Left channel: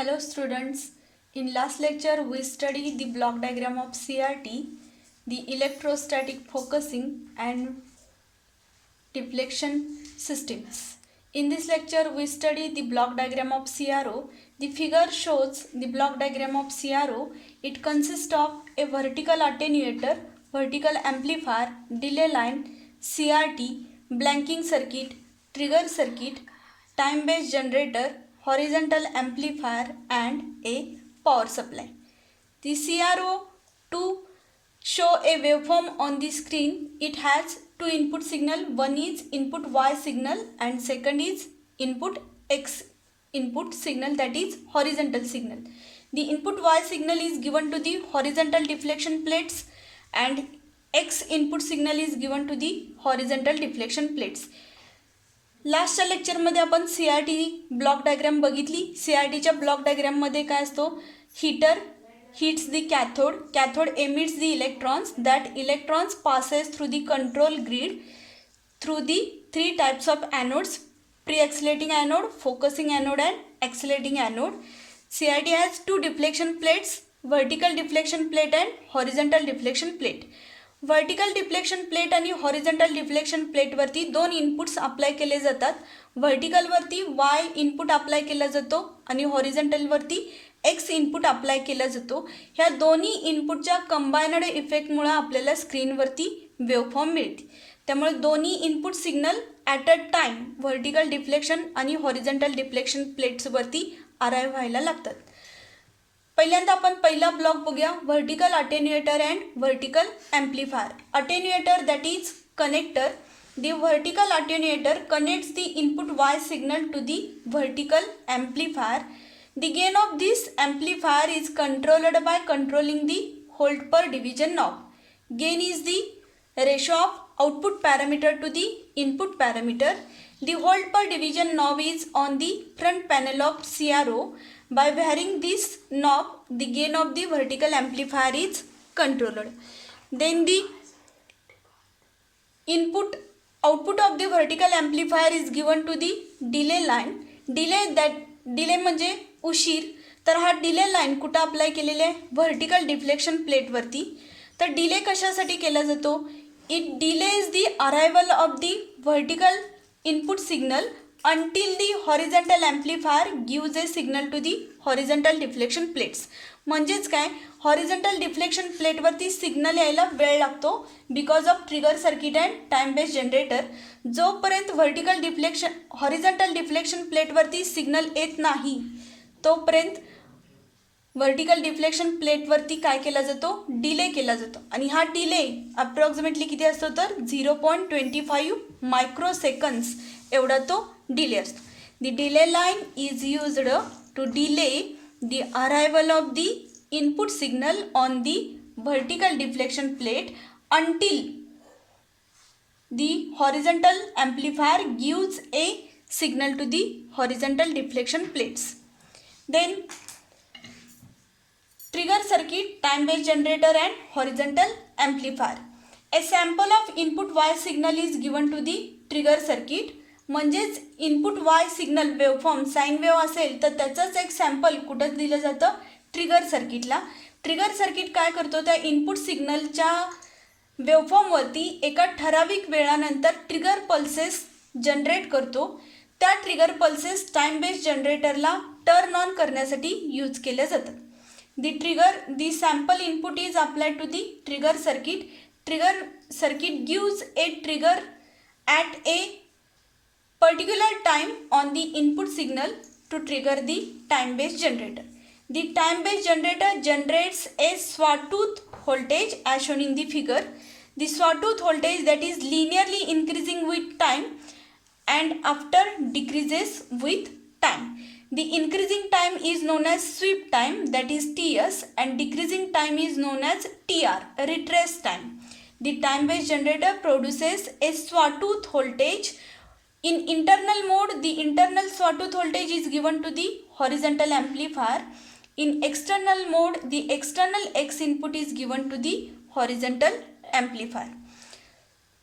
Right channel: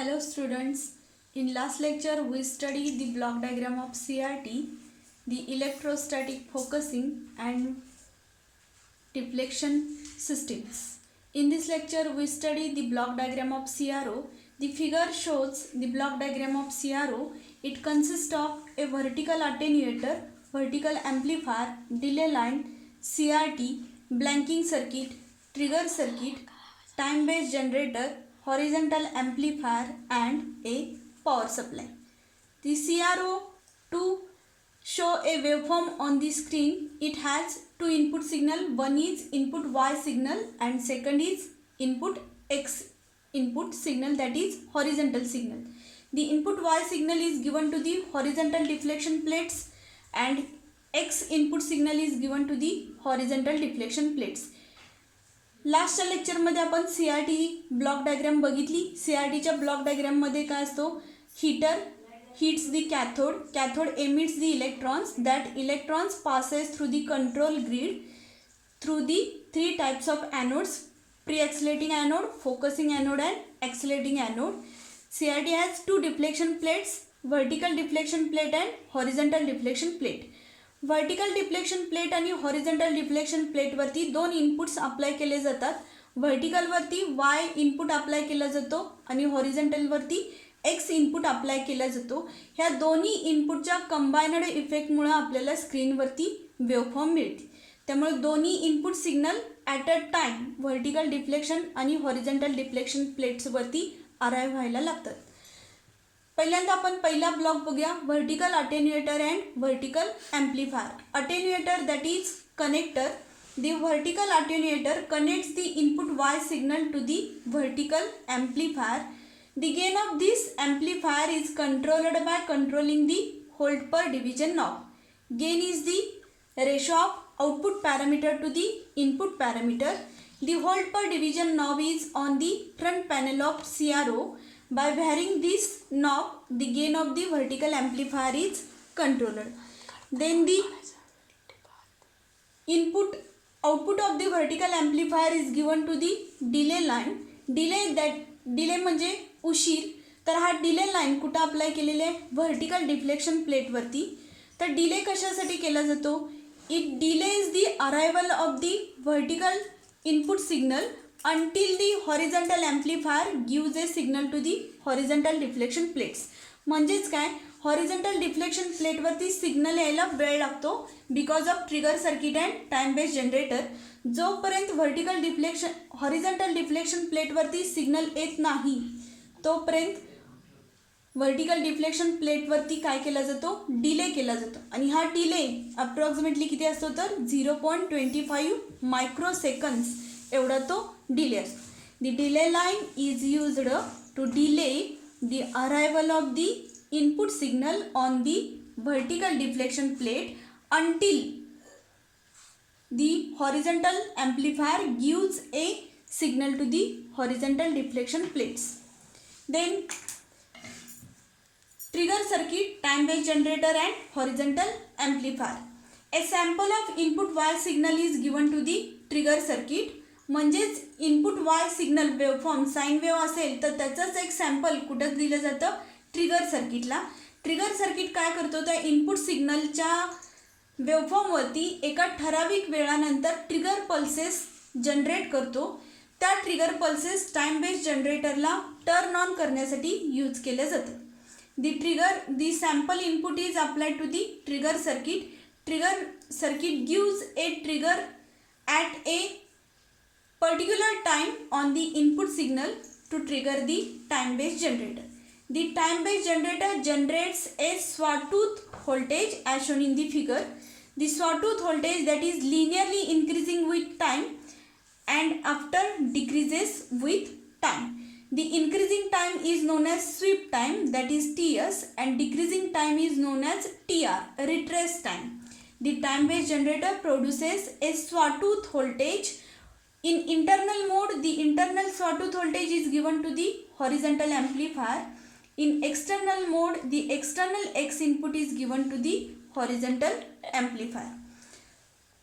Hello students, in last lecture we studied the block diagram of CRT, the electrostatic focusing and deflection systems. In this lecture we study the block diagram of CRO. The figure shows the block diagram of CRO. It consists of a vertical attenuator, vertical amplifier, delay line, CRT, blanking circuit, trigger circuit, time based generator, horizontal amplifier and a power supply. The CRO to show a waveform on the screen, it has two input signal. One is input Y signal and second is input X input signal, that is horizontal signal. The input Y signal is given to the horizontal deflection plates and X input signal is given to the horizontal deflection plates. लास्टच्या लेक्चरमध्ये आपण CRT block diagram बघितली. CRTच्या block डायग्राममध्ये काय असतो, heater heats the cathode emits the electrons, that electrons passes through the control grid through the three types of anodes: pre-accelerating anode, focusing anode and accelerating anode. CRT has two deflection plates, vertical deflection plate and horizontal deflection plate. Vertical deflection plate आणि horizontal deflection प्लेटवरती दोन inputs apply केले जातात. वर्टिकलवरती वाय input apply केला जातो आणि हॉरिझॉन्टलवरती x input apply केला जातो. ह्या दोन्ही इनपुटच्या कंबाइनड इफेक्टमुळे आपल्याला स्क्रीनवरती वेवफॉर्म मिळते. त्यामुळे दोन्ही input signal at a time vertical deflection आणि हॉरिझॉन्टल डिफ्लेक्शन प्लेट्सवरती अराईव्ह व्हायला लागतात. पहिल्यांदा आपण पहिला ब्लॉक बघूया, vertical attenuator and vertical amplifier. Attenuator that is connector. The vertical attenuator connects the input Y signal to the vertical amplifier. The gain of this amplifier is controlled by controlling the hold per division knob. Gain is the ratio of output parameter to the input parameter. The hold per division knob is on the front panel of CRO. By varying this knob, the gain of the vertical amplifier is controlled. Then the output of the vertical amplifier is given to the delay line. Delay म्हणजे उशीर. तर हा delay line कुठं apply केलेले आहे, vertical deflection प्लेटवरती. तर delay कशासाठी केला जातो, it delays the arrival of the vertical input signal until the horizontal amplifier gives a signal to the horizontal deflection plates. म्हणजेच काय, हॉरिझॉन्टल डिफ्लेक्शन प्लेटवरती सिग्नल यायला वेळ लागतो because of trigger circuit and time based generator. जोपर्यंत vertical deflection horizontal deflection प्लेटवरती signal येत नाही तोपर्यंत व्हर्टिकल डिफ्लेक्शन प्लेटवरती काय केला जातो, डिले केला जातो. आणि हा डिले अप्रॉक्सिमेटली किती असतो तर 0.25 मायक्रोसेकंड्स एवढा तो डिले असतो. The delay line is used to delay the arrival of the input signal on the vertical deflection plate until the horizontal amplifier gives a signal to the horizontal deflection plates. Then trigger circuit, time based generator and horizontal amplifier. A sample of input Y signal is given to the trigger circuit. म्हणजेच input वाय signal waveform sine wave असेल तर त्याचंच एक sample कुठं दिलं जातं, trigger सर्किटला. Trigger circuit काय करतो, त्या इनपुट सिग्नलच्या वेवफॉर्मवरती एका ठराविक वेळानंतर ट्रिगर पल्सेस जनरेट करतो. त्या ट्रिगर पल्सेस टाइम बेस्ड जनरेटरला टर्न ऑन करण्यासाठी यूज केल्या जातात. The sample input is applied to the trigger circuit. Trigger circuit gives a trigger at a particular time on the input signal to trigger the time based generator. The time based generator generates a sawtooth voltage as shown in the figure. The sawtooth voltage that is linearly increasing with time and after decreases with time. The increasing time is known as sweep time, that is TS, and decreasing time is known as TR, retrace time. The time based generator produces a sawtooth voltage. In internal mode, the internal sawtooth voltage is given to the horizontal amplifier. In external mode, the external X input is given to the horizontal amplifier.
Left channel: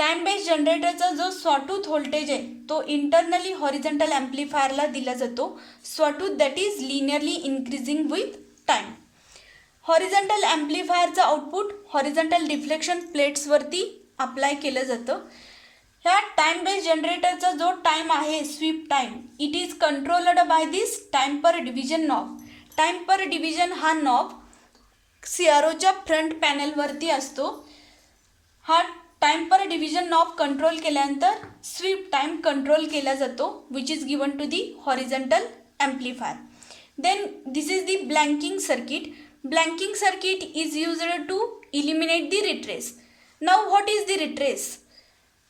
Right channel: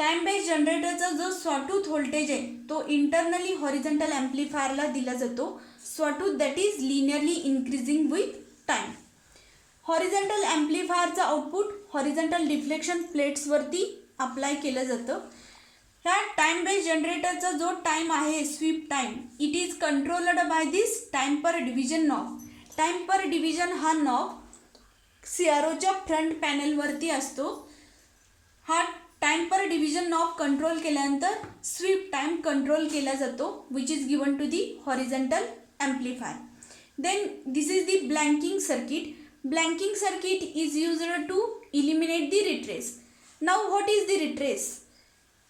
Time based जनरेटरचा जो sawtooth voltage आहे तो internally horizontal ॲम्प्लिफायरला दिला जातो. Sawtooth that is linearly increasing with time. Horizontal ॲम्प्लिफायरचं output horizontal deflection प्लेट्सवरती apply केलं जातं. ह्या टाइम बेस्ड जनरेटरचा जो टाइम आहे sweep time it is controlled by this time per division knob. Time per division हा नॉब CROच्या फ्रंट पॅनलवरती असतो. हा time per division knob control केल्यानंतर स्वीप टाइम कंट्रोल केला जातो which is given to the horizontal amplifier. Then this is the ब्लँकिंग circuit. Blanking circuit is used to eliminate the retrace. Now what is the retrace?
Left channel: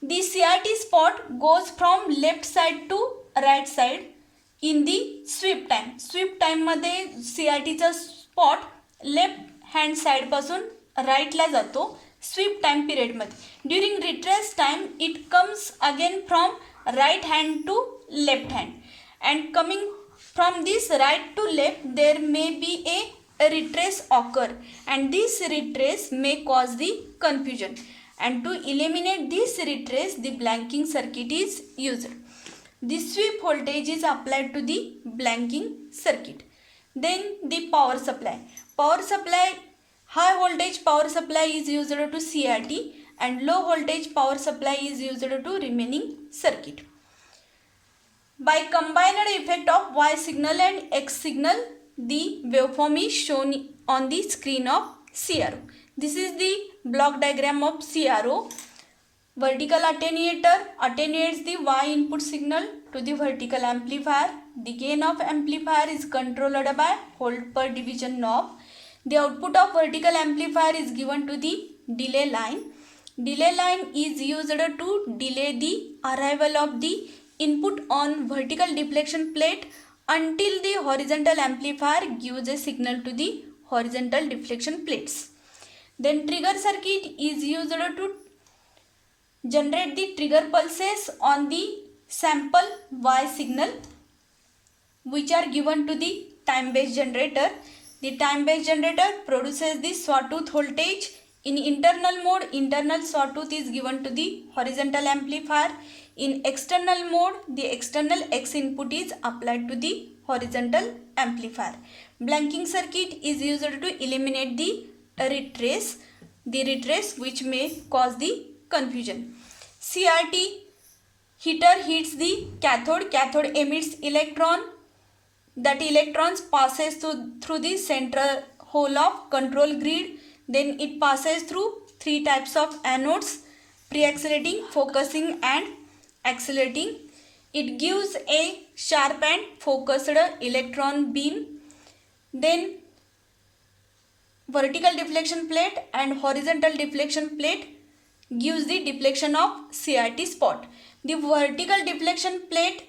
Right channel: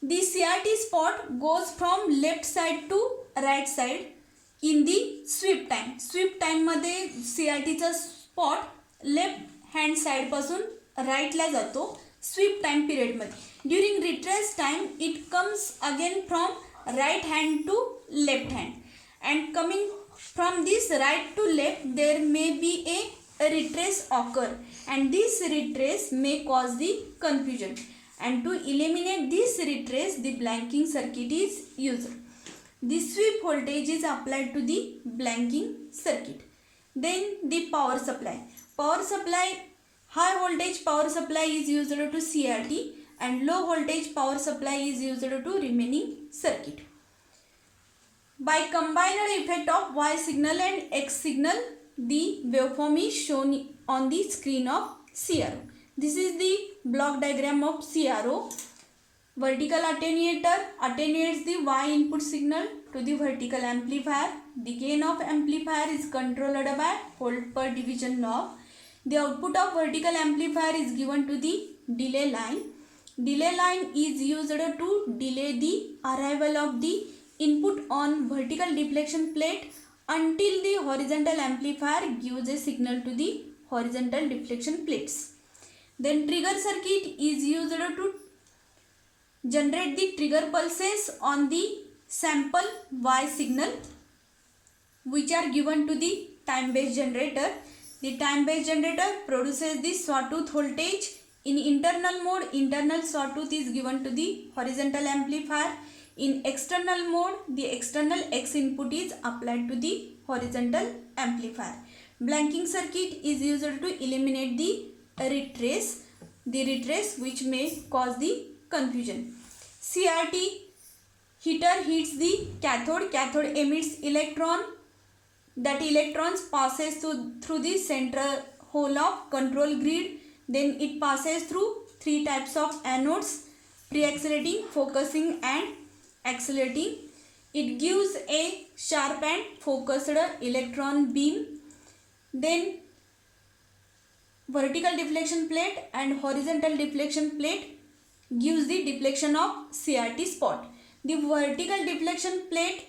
The CRT spot goes from left side to right side in the sweep time. Sweep time मध्ये CRTचा spot left hand साईडपासून राईटला जातो sweep time पिरियडमध्ये. During retrace time it comes again from right hand to left hand and coming from this right to left there may be a retrace occur and this retrace may cause the confusion. And to eliminate this retrace, the blanking circuit is used. The sweep voltage is applied to the blanking circuit. Then the power supply. Power supply, high voltage power supply is used to CRT and low voltage power supply is used to remaining circuit. By combined effect of Y signal and X signal, the waveform is shown on the screen of CRO. This is the block diagram of CRO. Vertical attenuator attenuates the Y input signal to the vertical amplifier. The gain of amplifier is controlled by volt per division knob. The output of vertical amplifier is given to the delay line. Delay line is used to delay the arrival of the input on vertical deflection plate until the horizontal amplifier gives a signal to the horizontal deflection plates. Then trigger circuit is used to generate the trigger pulses on the sample Y signal which are given to the time based generator. The time based generator produces the sawtooth voltage in internal mode. Internal sawtooth is given to the horizontal amplifier. In external mode, the external X input is applied to the horizontal amplifier. Blanking circuit is used to eliminate the retrace which may cause the confusion. CRT heater heats the cathode emits electron. That electrons passes through the central hole of control grid. Then it passes through three types of anodes: pre-accelerating, focusing and accelerating. It gives a sharp and focused electron beam. Then vertical deflection plate and horizontal deflection plate gives the deflection of CRT spot. The vertical deflection plate,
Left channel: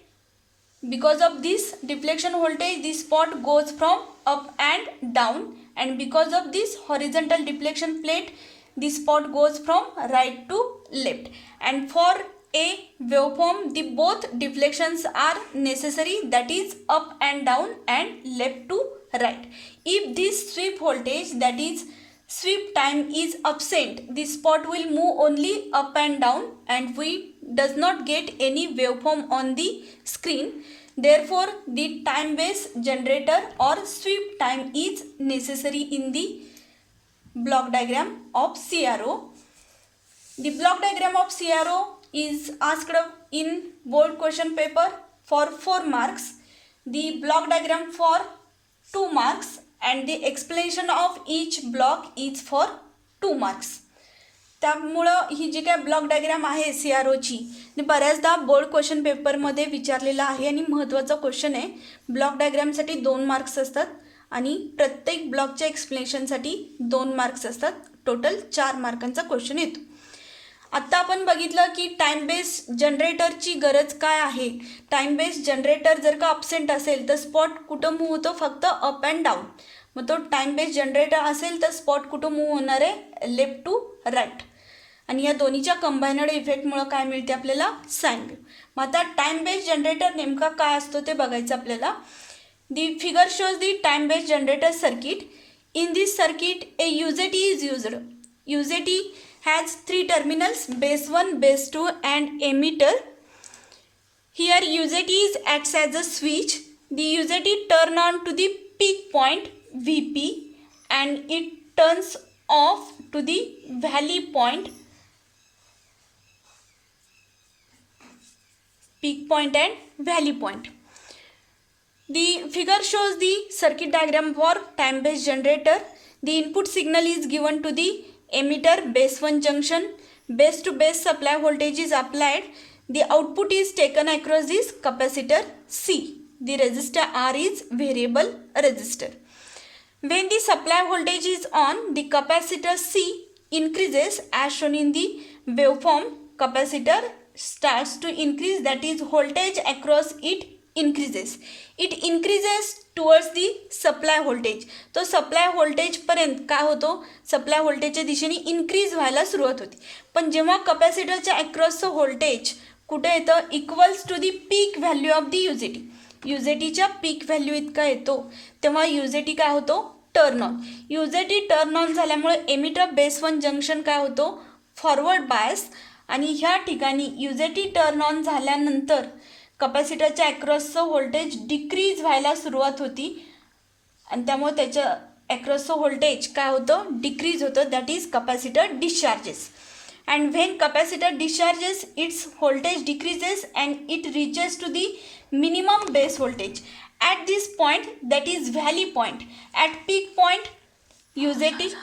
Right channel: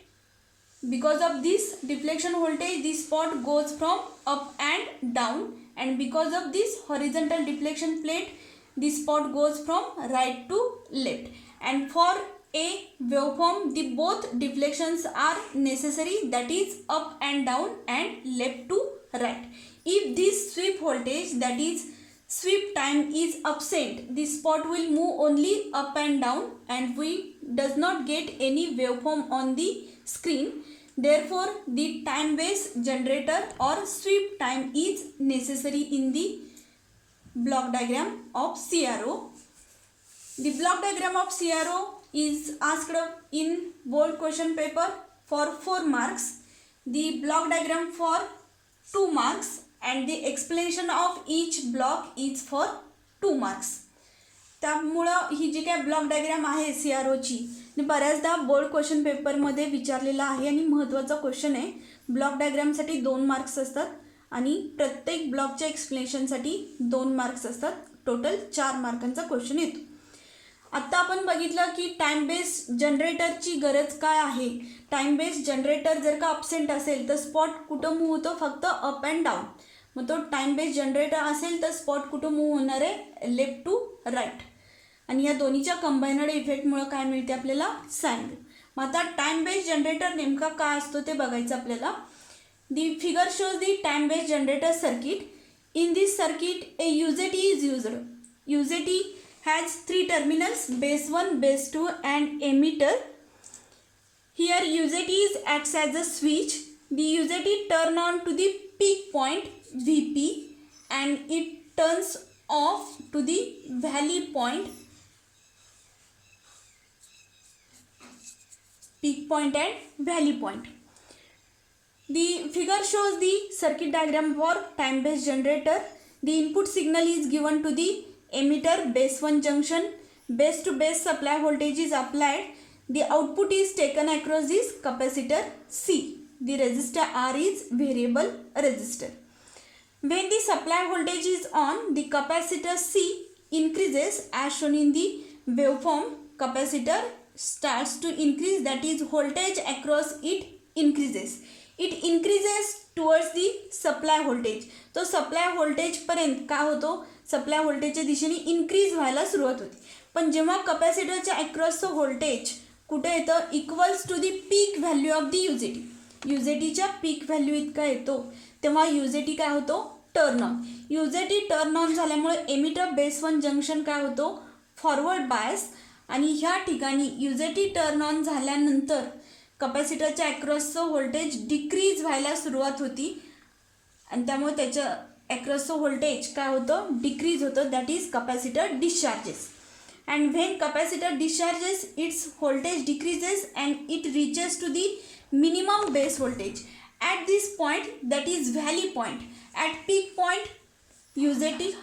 because of this deflection voltage, the spot goes from up and down, and because of this horizontal deflection plate, the spot goes from right to left. And for a waveform, the both deflections are necessary, that is up and down and left to right. If this sweep voltage, that is sweep time, is absent, the spot will move only up and down and we does not get any waveform on the screen. Therefore, the time based generator or sweep time is necessary in the block diagram of CRO. The block diagram of CRO is asked in bold question paper for 4 marks. The block diagram for 2 marks and the explanation of each block is for 2 marks. त्यामुळं ही जी काय block diagram आहे CROची बऱ्याचदा board question पेपरमध्ये विचारलेला आहे आणि महत्त्वाचा question आहे. ब्लॉक डायग्रामसाठी 2 मार्क्स असतात आणि प्रत्येक ब्लॉकच्या एक्सप्लेनेशनसाठी 2 मार्क्स असतात. टोटल 4 मार्कांचा क्वेश्चन येतो. आत्ता आपण बघितलं की टाइम बेस्ड जनरेटरची गरज काय आहे. टाइम बेस्ड जनरेटर जर का अब्सेंट असेल तर स्पॉट कुठं मूव्ह होतो, फक्त अप अँड डाऊन. मग तो टाइम बेस्ड जनरेटर असेल तर स्पॉट कुठं मूव्ह होणार आहे, लेफ्ट टू राईट. आणि या दोन्हीच्या कंबायनड इफेक्टमुळे काय मिळते आपल्याला, साइन वेव्ह. मग आता टाइम बेस्ड जनरेटर नेमका काय असतो ते बघायचं आपल्याला. The figure shows the time based generator circuit. In this circuit a UJT is used. UJT has three terminals, base 1, base 2 and emitter. Here UJT acts as a switch. The UJT turn on to the peak point VP and it turns off to the valley point, peak point and valley point. The figure shows the circuit diagram for time based generator. The input signal is given to the emitter base 1 junction. Base to base supply voltage is applied. The output is taken across this capacitor C. The resistor R is variable resistor. When the supply voltage is on, the capacitor C increases as shown in the waveform. Capacitor starts to increase, that is voltage across it increases. It increases towards the supply voltage. तो supply voltage पर्यंत काय होतो, supply व्होल्टेजच्या दिशेने increase व्हायला सुरुवात होते. पण जेव्हा कॅपॅसिटरच्या अक्रॉसचं व्होल्टेज कुठे येतं, equals to the peak value of the UJT. युजेटीच्या पीक व्हॅल्यू इतका येतो तेव्हा युजेटी काय होतो, turn on. UJT turn on झाल्यामुळे एमिटर बेस 1 जंक्शन काय होतो, फॉरवर्ड बायस. आणि ह्या ठिकाणी युजेटी टर्न ऑन झाल्यानंतर कॅपॅसिटरच्या अक्रॉसचं व्होल्टेज डिक्रीज व्हायला सुरुवात होती आणि त्यामुळे त्याच्या अक्रॉसचं व्होल्टेज काय होतं, डिक्रीज होतं. That is capacitor discharges. And when capacitor discharges its voltage decreases and it reaches to the minimum base voltage. At this point, that is valley point, at peak point UJT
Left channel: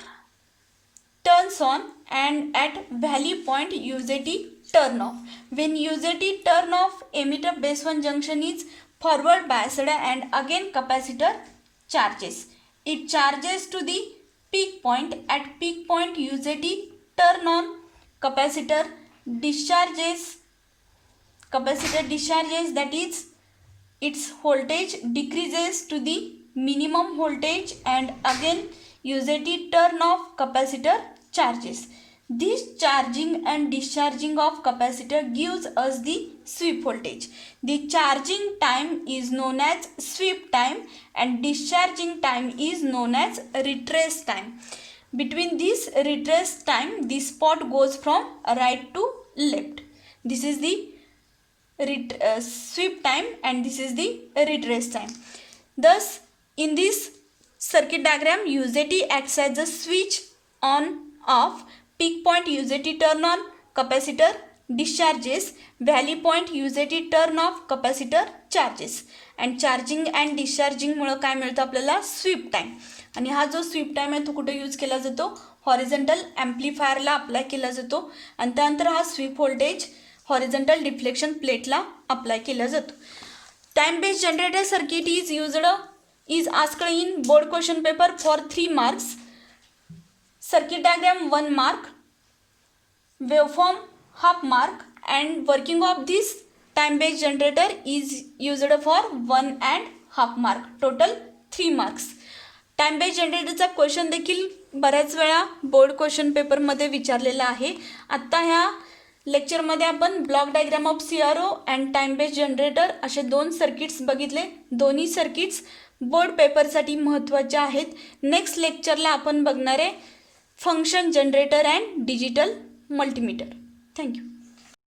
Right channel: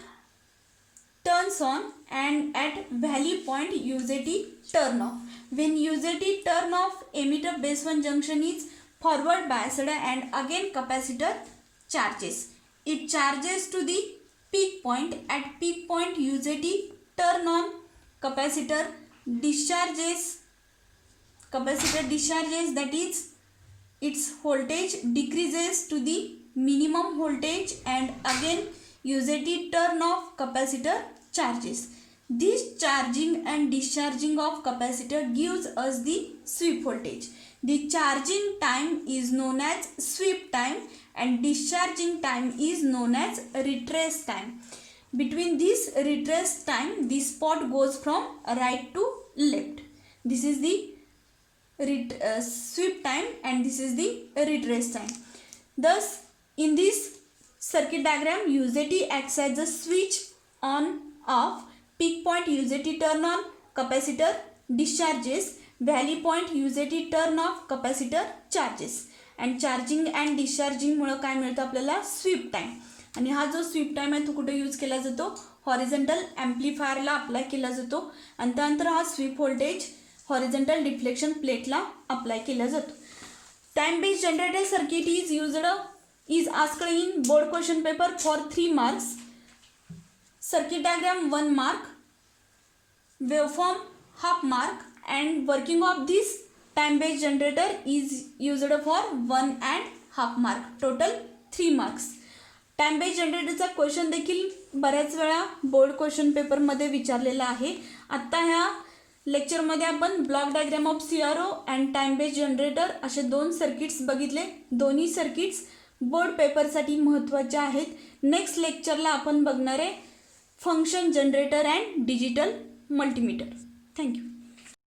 turns on and at valley point UJT turn off. When UJT turn off, emitter base 1 junction is forward biased and again capacitor charges. It charges to the peak point. At peak point UJT turn on, capacitor discharges, that is its voltage decreases to the minimum voltage and again UJT turn off, capacitor charges. This charging and discharging of capacitor gives us the sweep voltage. The charging time is known as sweep time and discharging time is known as retrace time. Between this retrace time, the spot goes from right to left. This is the sweep time and this is the retrace time. Thus, in this circuit diagram, UJT acts as a switch on off. Peak point UJT turn on, capacitor discharges. Valley point UJT turn off, capacitor charges. and charging and डिस्चार्जिंगमुळं काय मिळतं आपल्याला, SVEEP time. आणि हा जो SVEEP time आहे तो कुठे यूज केला जातो, हॉरिझॉन्टल ॲम्प्लिफायरला अप्लाय केला जातो. आणि त्यानंतर हा स्वीप व्होल्टेज हॉरिझॉन्टल डिफ्लेक्शन प्लेटला अप्लाय केला जातो. Time based generator circuit is asked in board question paper for 3 marks. Circuit diagram 1 mark, waveform half mark, and working of this time based generator is used for 1.5 mark. Total 3 marks. Time based जनरेटरचा question देखील बऱ्याच वेळा board question पेपरमध्ये विचारलेला आहे. आत्ता ह्या लेक्चरमध्ये आपण block diagram of CRO and time based generator असे 2 सर्किट्स बघितले. दोन्ही सर्किट्स बोर्ड पेपरसाठी महत्त्वाचे आहेत. नेक्स्ट लेक्चरला आपण बघणार आहे function generator and digital multimeter. Thank you.